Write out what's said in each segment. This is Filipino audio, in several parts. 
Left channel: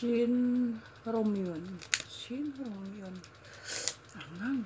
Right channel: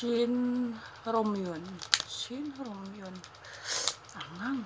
Shin Romyon. Shin Romyon. Angang.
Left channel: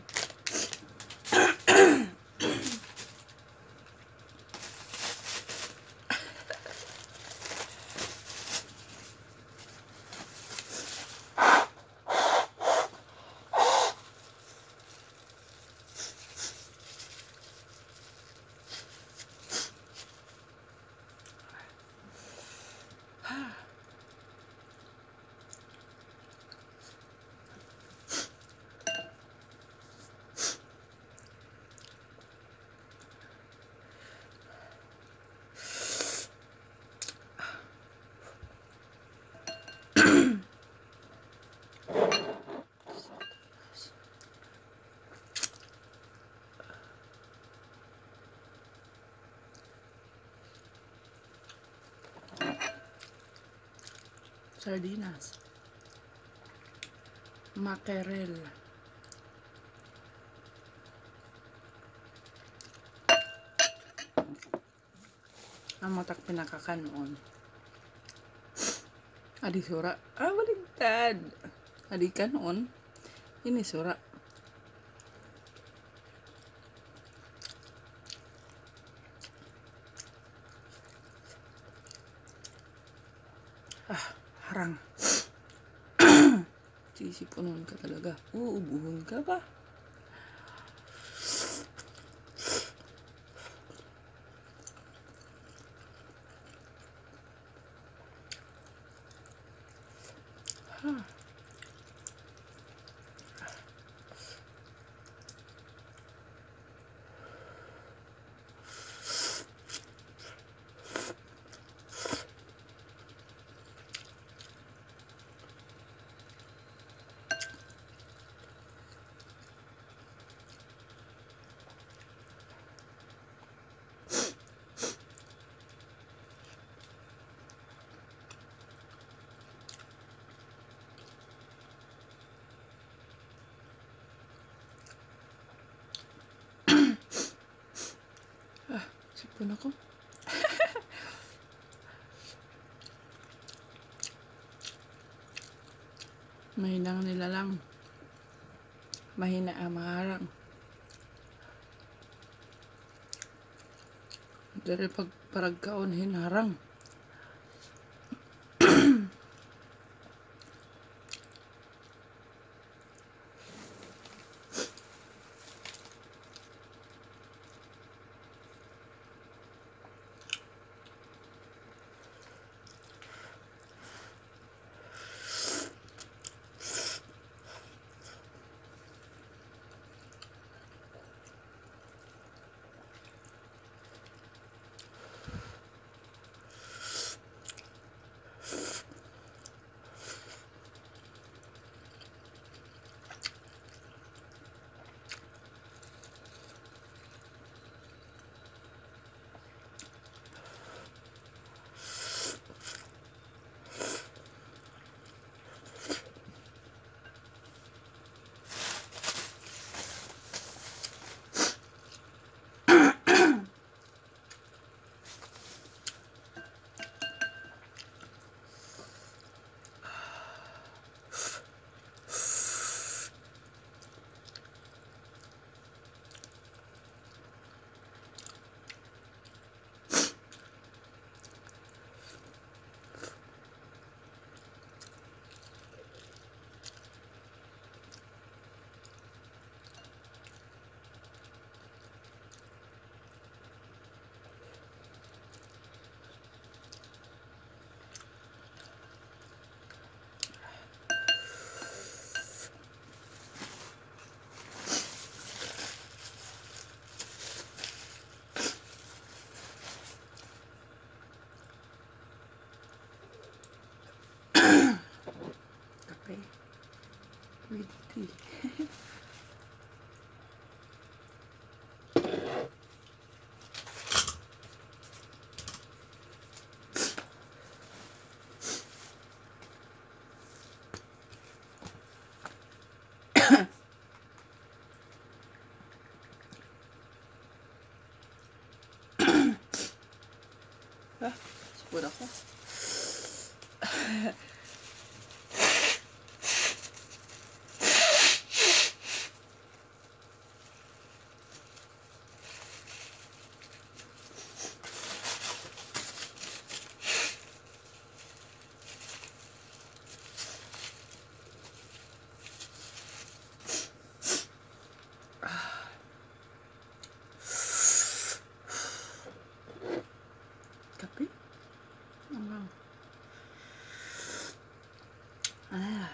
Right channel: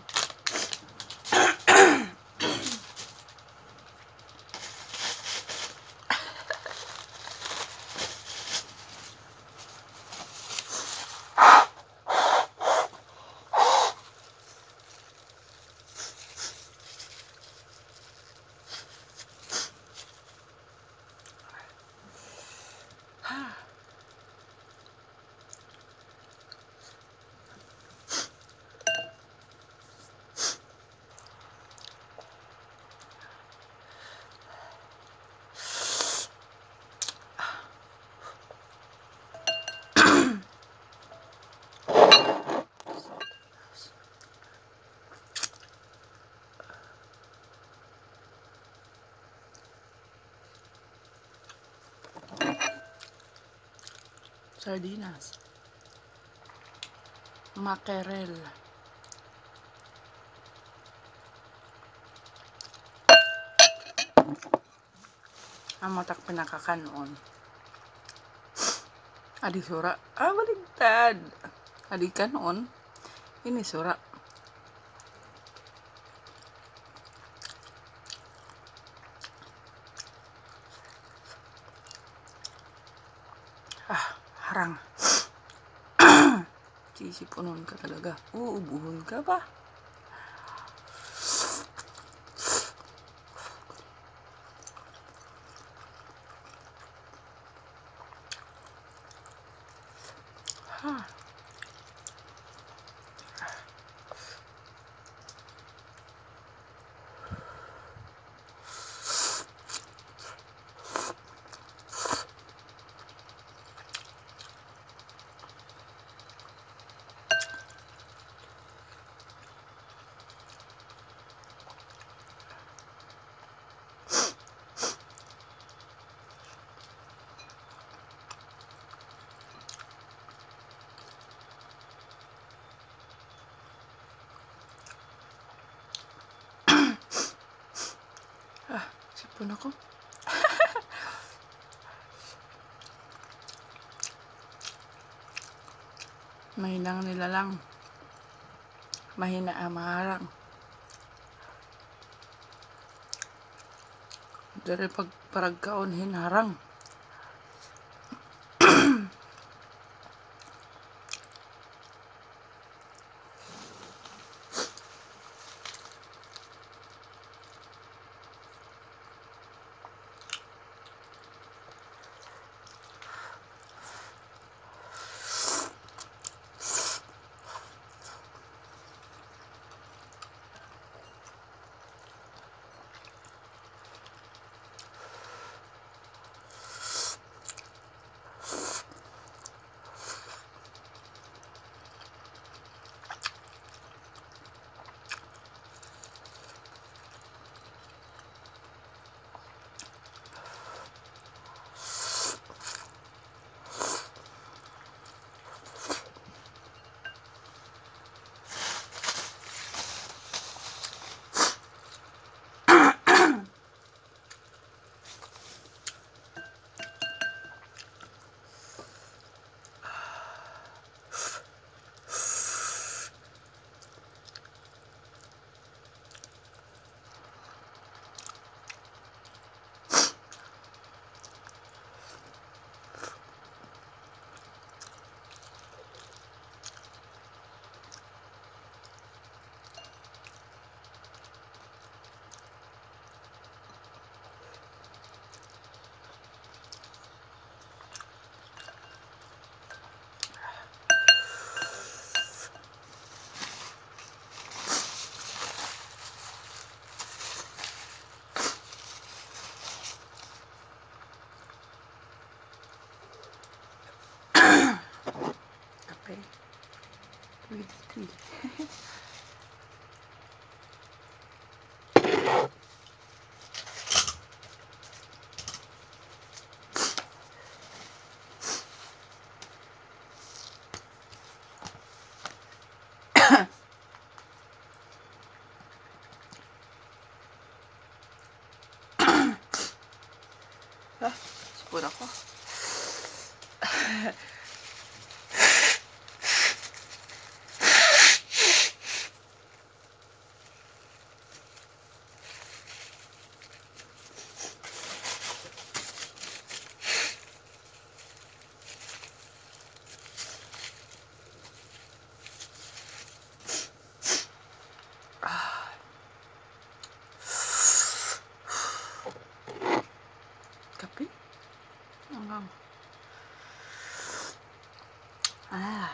Sardinas. Mackerel. Ang matak pinakakanon. Adi sura. Baligtad. Adi kanon. Ini sura. Harang. Sisipunon ka talaga. Uubuhon ka ba? Sipon ako. Mahinang nilalang. Mahina maharang. Dari pagparagkaon hinarang. Kape. With tea. Sipon ako. Ano? Ah.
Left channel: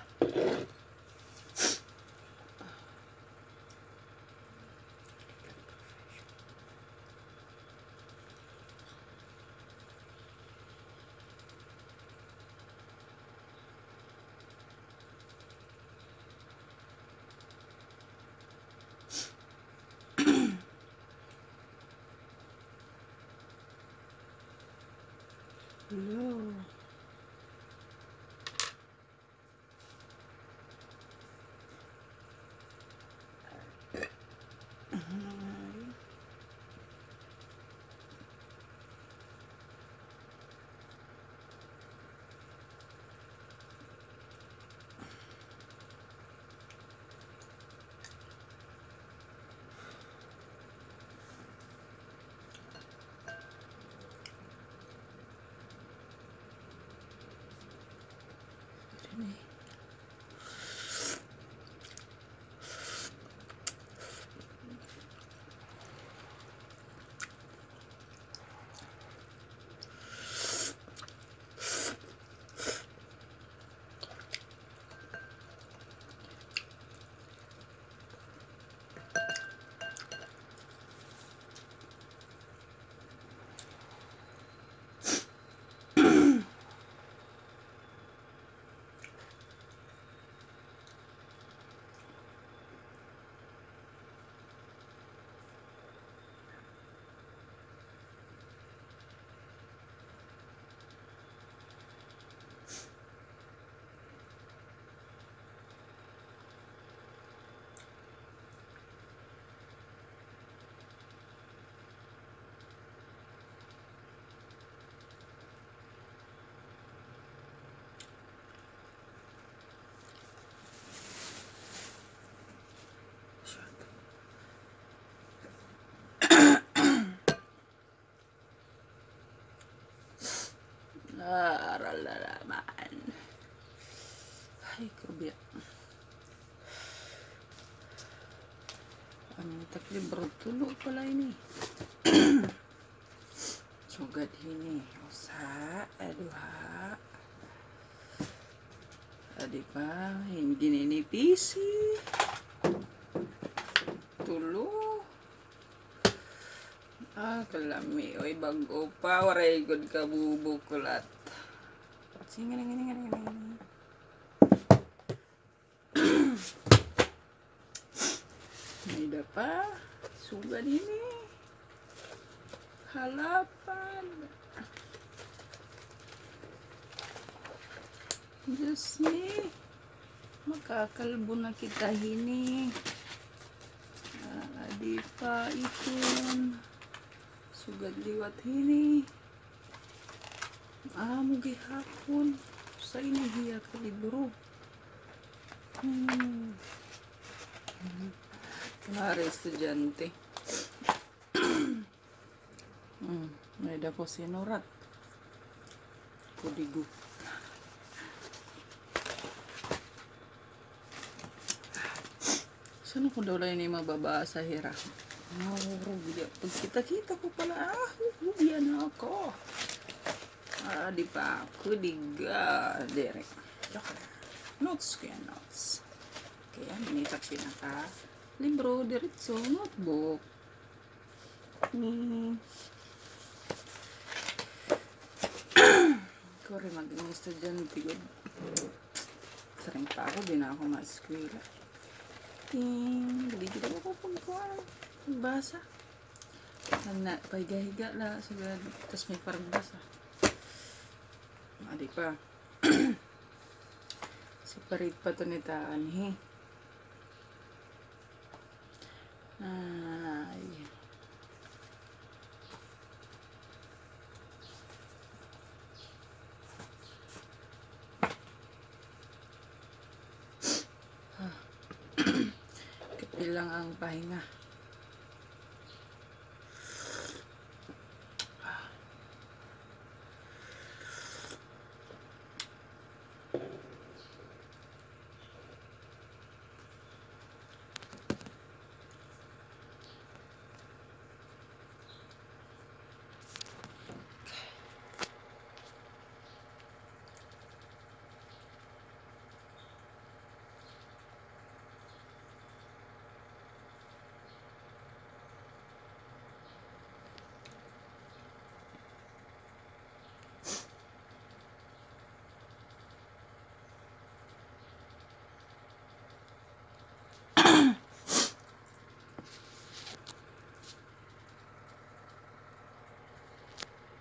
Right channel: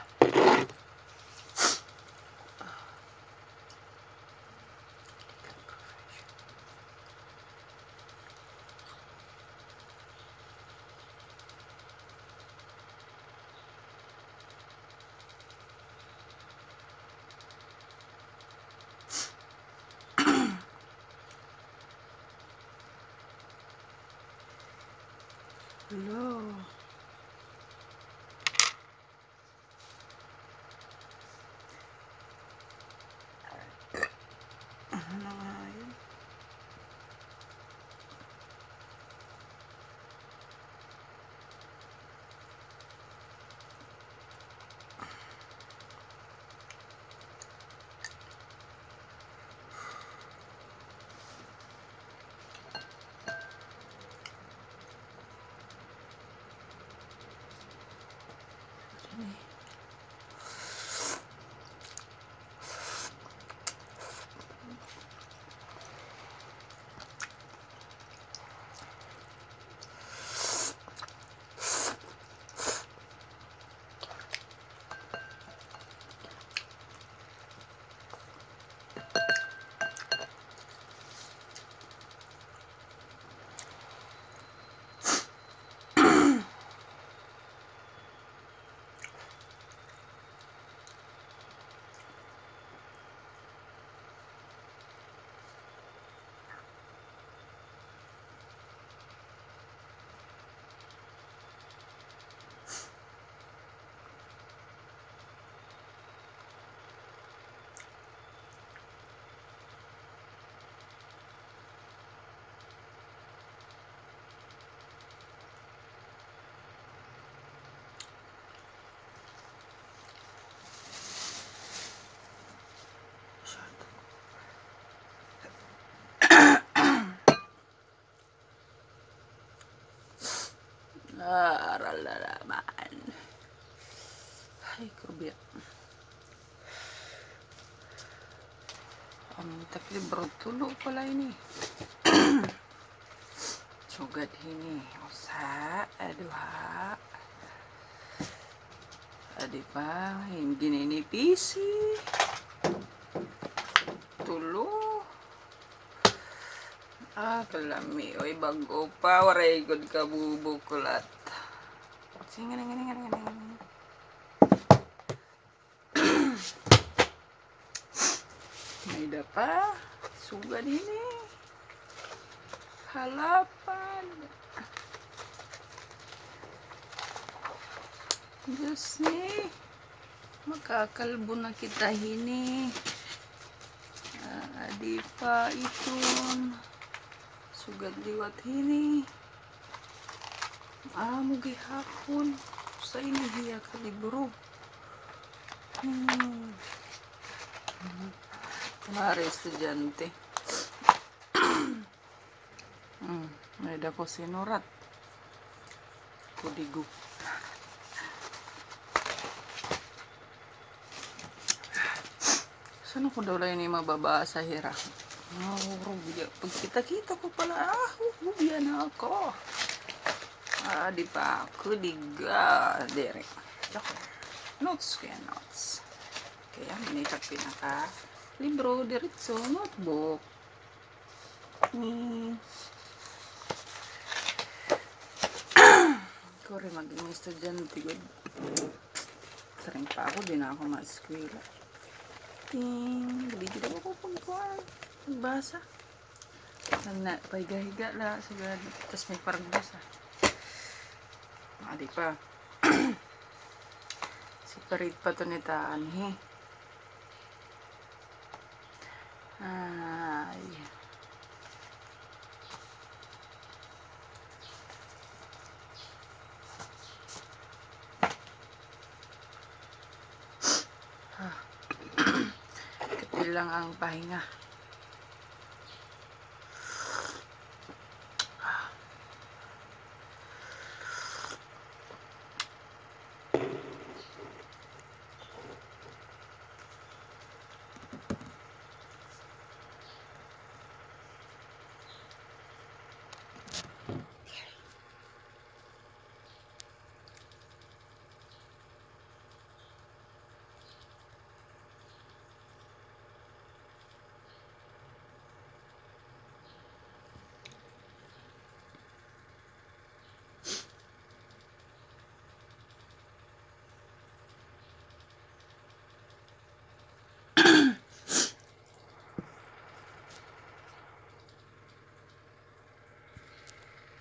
Hello. Ano nga yun? Aral na naman. Ay, grabe. Ang taklibro tulo pala ini. Sugad ini. Usa, aduha. Adi pa, hindi ninipisi. Tulo. Ah, kalami. Oy, bago pa. Waray good ka bubukulat. Sige na, may da pa. Sugad ini. Halapan. Diyos ni. Makakalbo na kita hini. Adi pa iton. Sugad liwat hini. Mugi hapon. Sa inihiya ka libro. Kumari estudyante. May da ko sinurat. Kudigo. Saan ko daw lang ini mababasa hira? Pag kita-kita ko pala, hubiyan na ako. Di pa ako, diga. Dere. Notes ko yan, notes. Kaya minita pinaka libro, diretso, notebook. Ko rin maging estudyante. Sarang pa ako, di na ako ma-eskwela. Dito ako pagbasa. Paiga-higa la sigad. Tapos may pargbasa. Di pa. Separate pa to nitaan, he. Ay. Lang ang pahinga.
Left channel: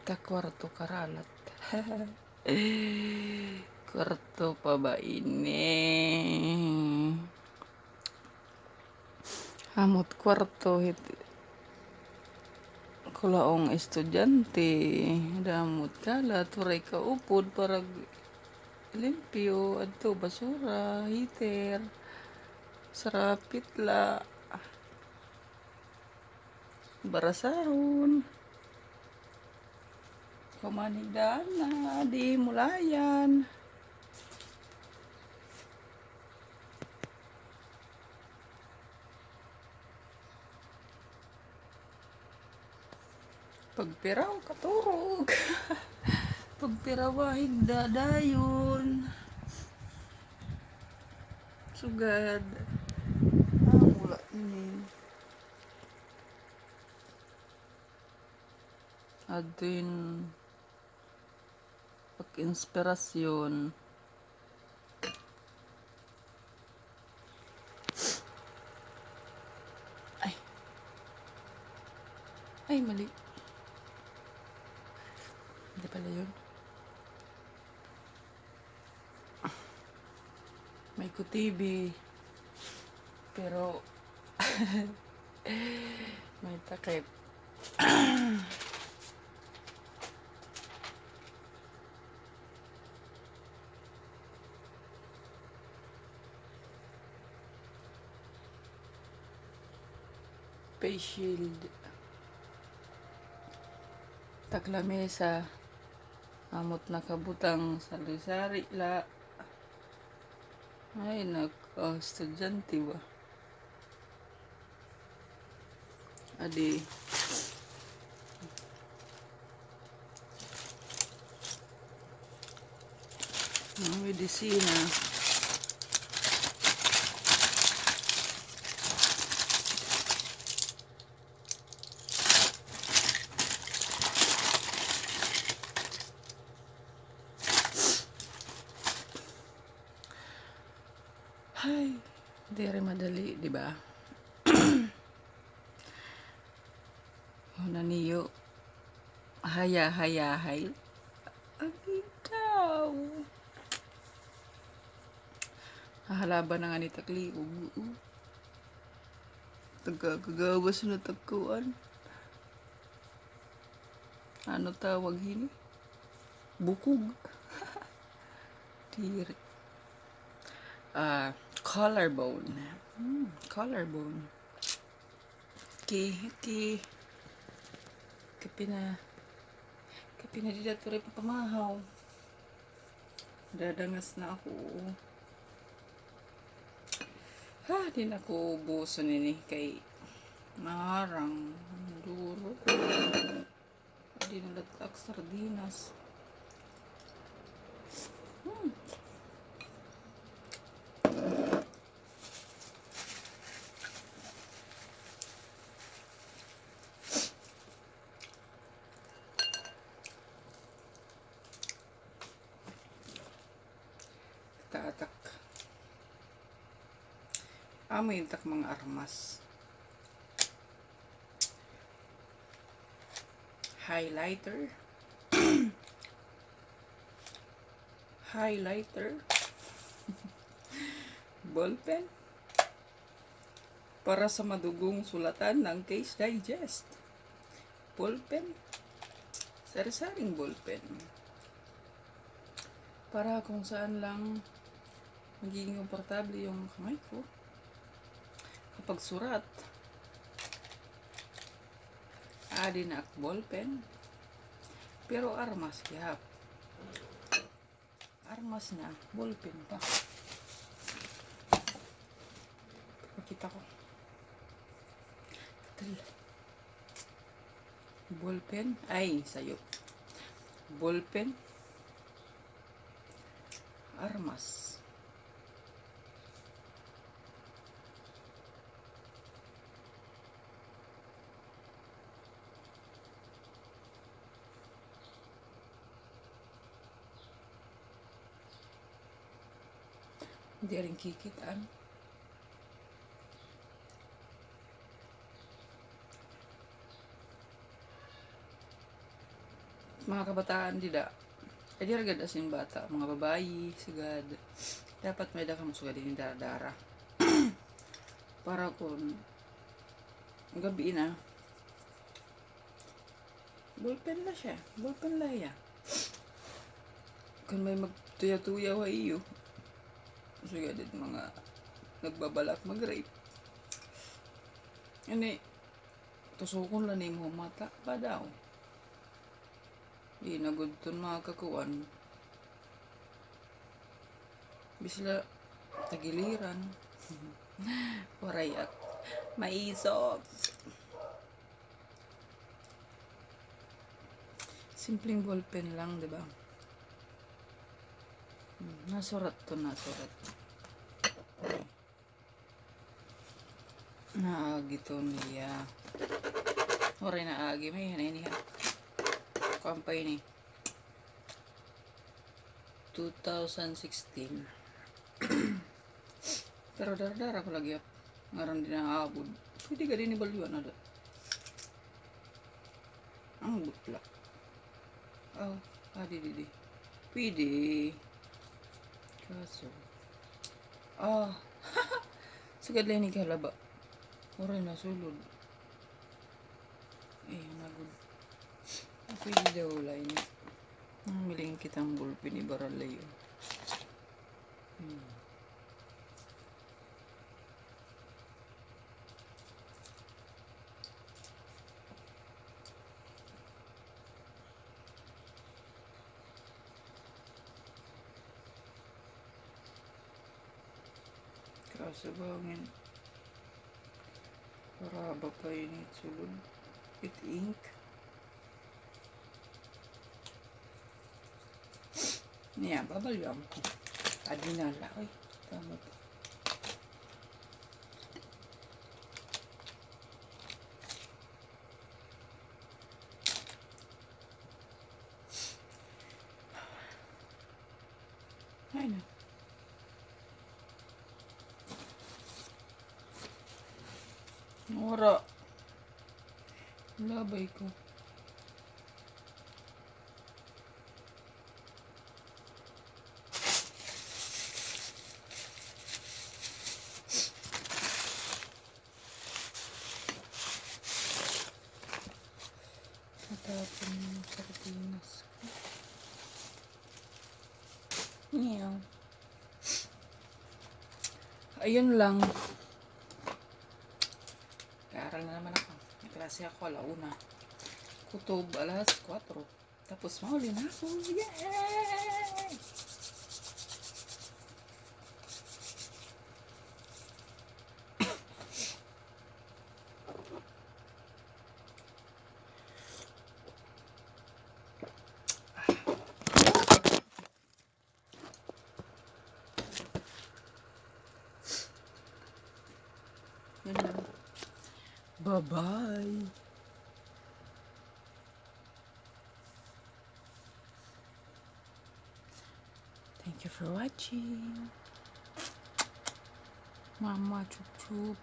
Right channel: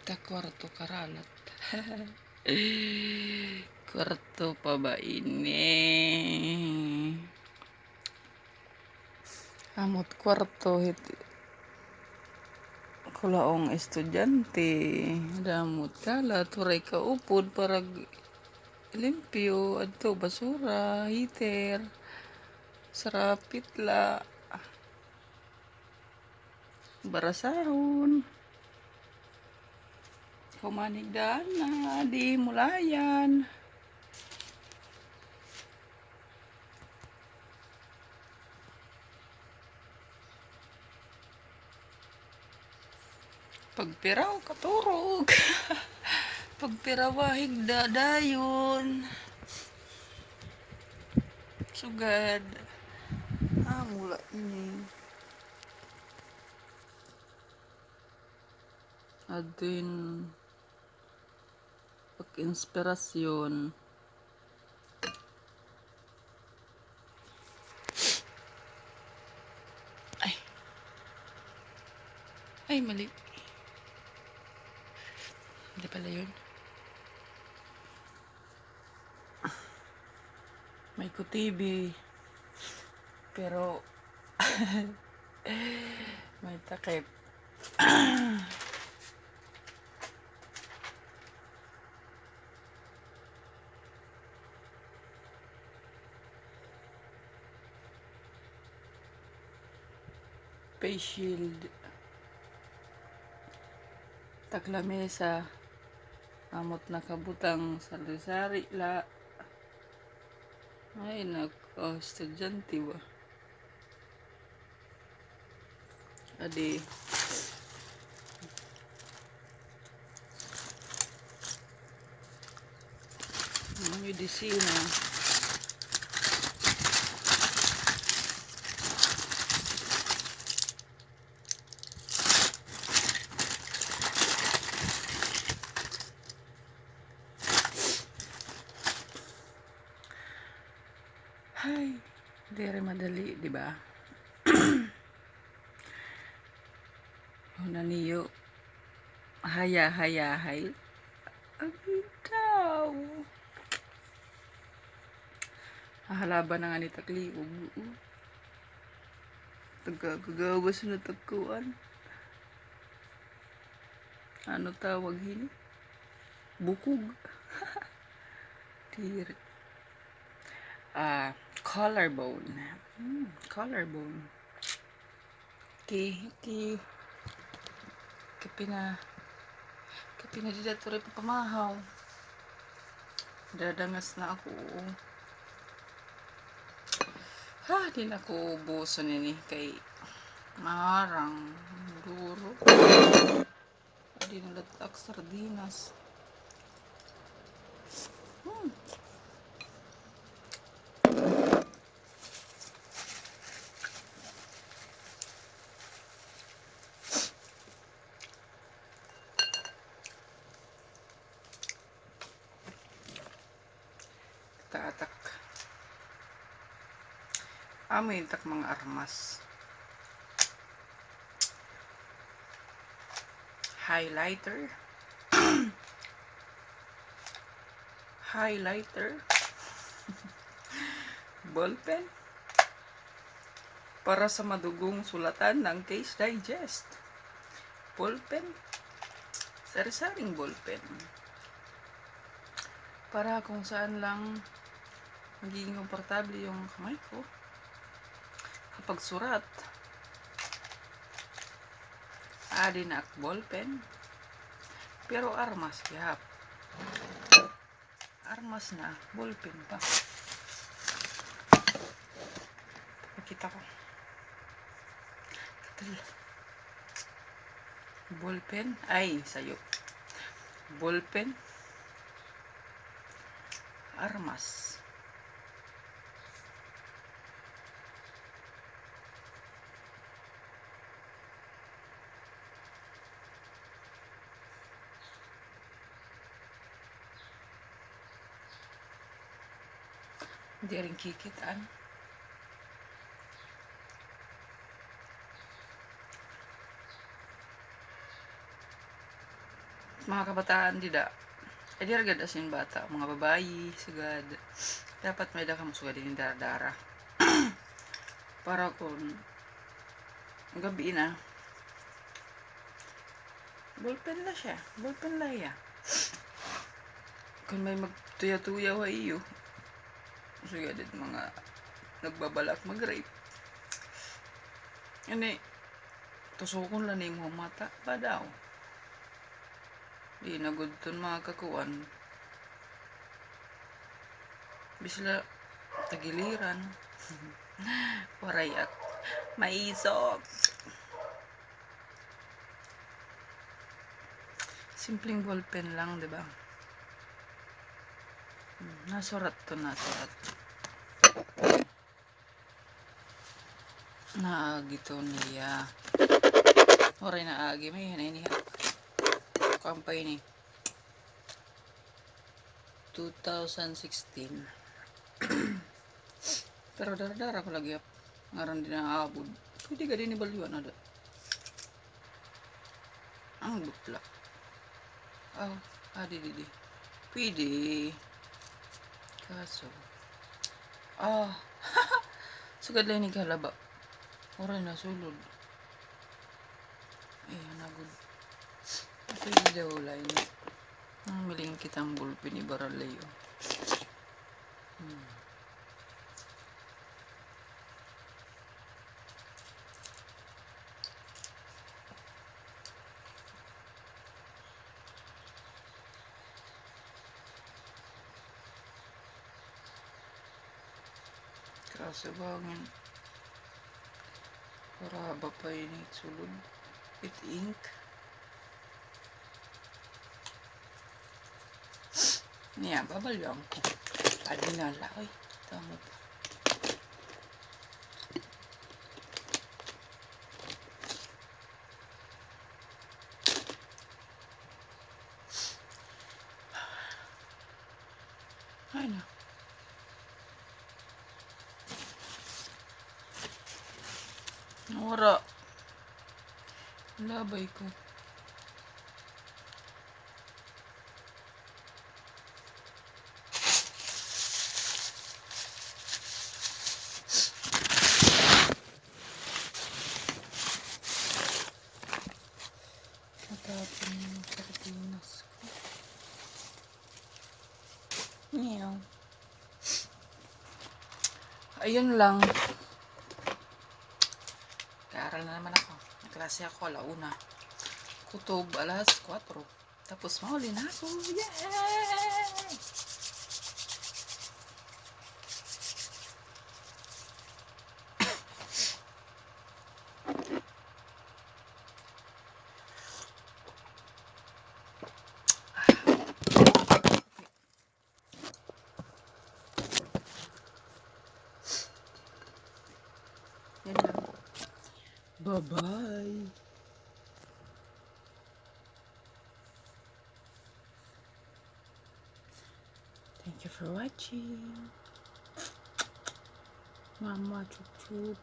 Ta kwarto karalat. Kwarto pa ba ini? Amot kwarto hit kulaong estudyante. Damot kala turay ka upod para limpyo adto basura heater sarapit la barasahon kumanigdaan na di mulayan. Pagpiraw katurog. Pagpirawahig dadayon. Sugad. Mula ini. Adin pag-inspirasyon. Ay. Ay, mali. Hindi pala yun. May kutibi. Pero may takip. Face shield. Taklamesa. Amot nakabutang sari-sari la. Ay, estudyante ba? Adi. Medisina. Hay, di rin madali, di ba? Una niyo, haya-hayahay. Abitaw. Halaban na nga ni takliog. Tagagawas na tagkuan. Ano tawag hini? Bukog. Tiri. Collarbone. Collarbone. Kapina dito rin pamahaw. Dadangas na ako. Di na ako ubuso nini kay marang duro. Di na latak sardinas. Tatak. Amoy tak mga armas. Highlighter. Ballpen. Para sa madugong sulatan ng Case Digest. Ballpen. Sari-saring ballpen. Para kung saan lang magiging komportable yung kamay ko kapag surat. Adi na ballpen. Pero armas yap. Armas na, ballpen pa. Pakita ko. Ballpen. Ay, sayo. Ballpen. Armas. Hindi rin kikitaan. mga kabataan dida. Ay di ragad asin bata, mga babayi, sugad. Dapat may dakam sugad din dara-dara. Para kung gabi na, ballpen la siya. Ballpen la ya. Kung may magtuya-tuya wa iyo, sugad din mga nagbabalak mag-rape. Ani, tusukon lang ni mo mata pa daw. Di nagod ton mga kakuan. Bisla tagiliran. Waray at maisog. Simpleng ballpen lang, di ba? Nasurat to, nasurat. Naagi to niya. Oray naagi, may hanay niya. Kampay ni 2016. Pero dara-dara ko lagi ngaron din ang abod. Pwede ka din ibalyuan na da. Ang butla. Oh, di. Pwede. Kaso. Sugad lang ni kalaba. Oray na sulod. Nagod. Pwede daw lang. Miling kitang bulpin ni Baralayo. Kaso bangin. Para ba pa ini sulod? With ink. Niya, babalyang ko. Adi na lang. Ay, tama pa. Ay na. Wala. Labay ko. Matapon yung sardinas ko. Ngayon. Ayun lang. Kaaral na naman ako. Klase ako alauna. Kutob alas 4. Tapos mauli na ako. Yay! Yan lang. Bye-bye. Thank you for watching. Mama chup chup.